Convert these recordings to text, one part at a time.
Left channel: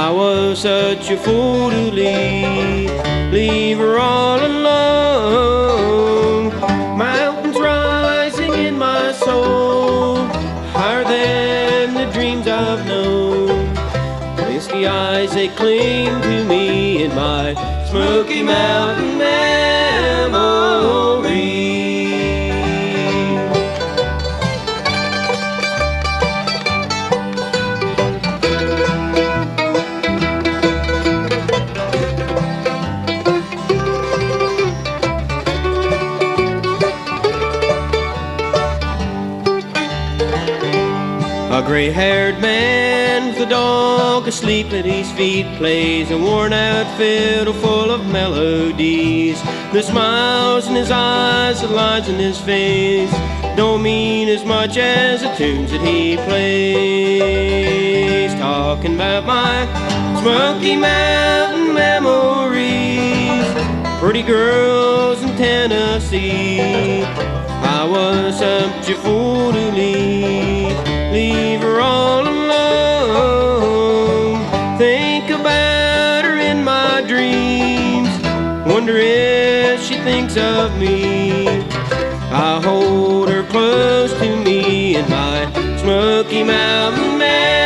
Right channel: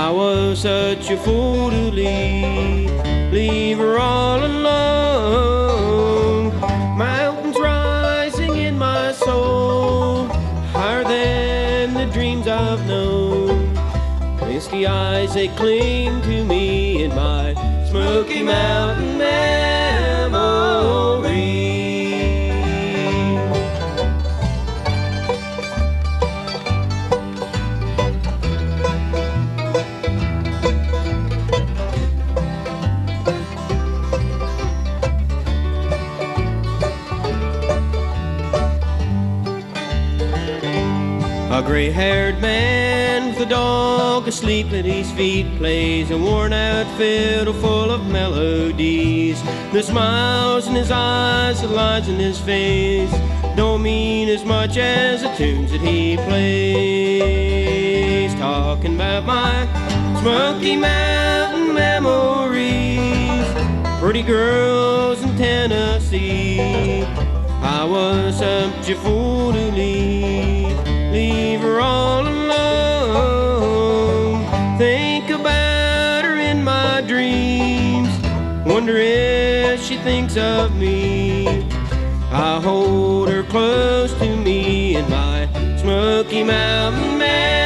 I was such a fool to leave her all alone. Mountains rising in my soul, higher than the dreams I've known. Misty eyes, they cling to me in my Smoky Mountain memory. A gray-haired man with a dog asleep at his feet plays a worn-out fiddle full of melodies. The smiles in his eyes, the lines in his face don't mean as much as the tunes that he plays. Talking about my Smoky Mountain memories, pretty girls in Tennessee. I was such a fool to leave her all alone. Think about her in my dreams, wonder if she thinks of me. I hold her close to me in my Smoky Mountain memory.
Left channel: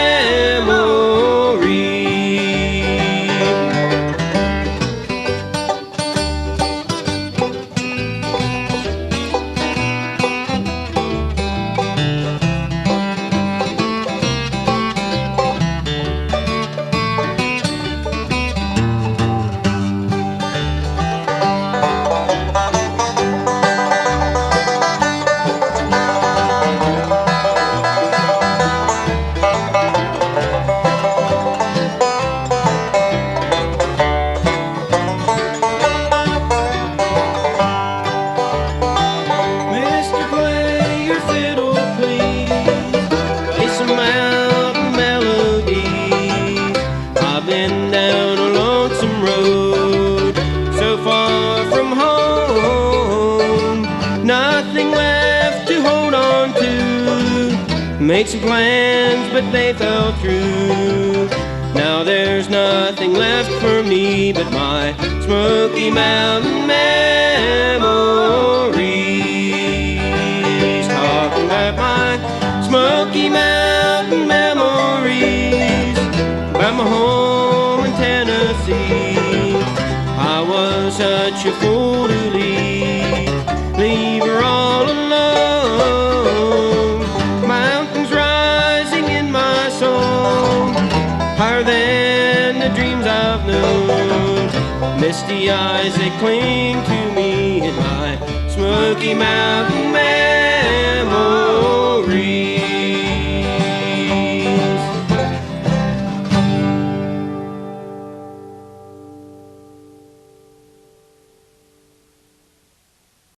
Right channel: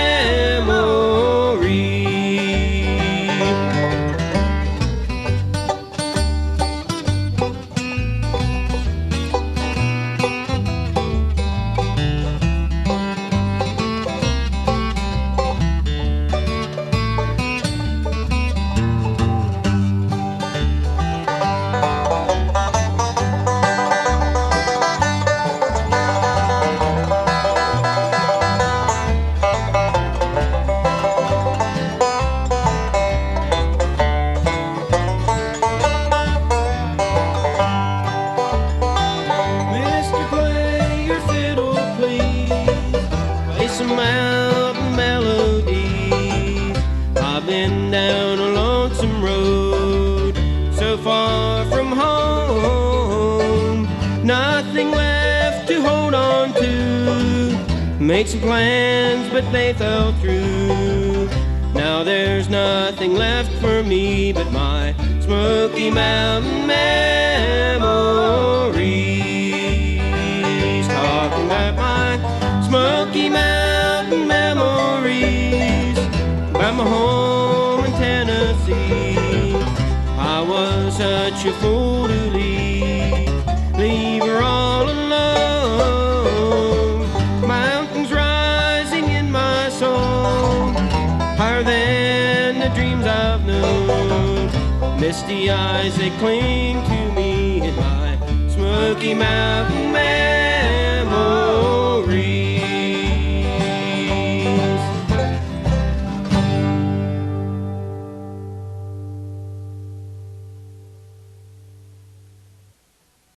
Made some plans, but they fell through. Now there's nothing left for me but my Smoky Mountain memories. Talking about my Smoky Mountain memories, about my home in Tennessee. I was such a fool to leave her all alone. Mountains rising in my soul, higher than the dreams I've known. Misty eyes, they cling to me in my Smoky Mountain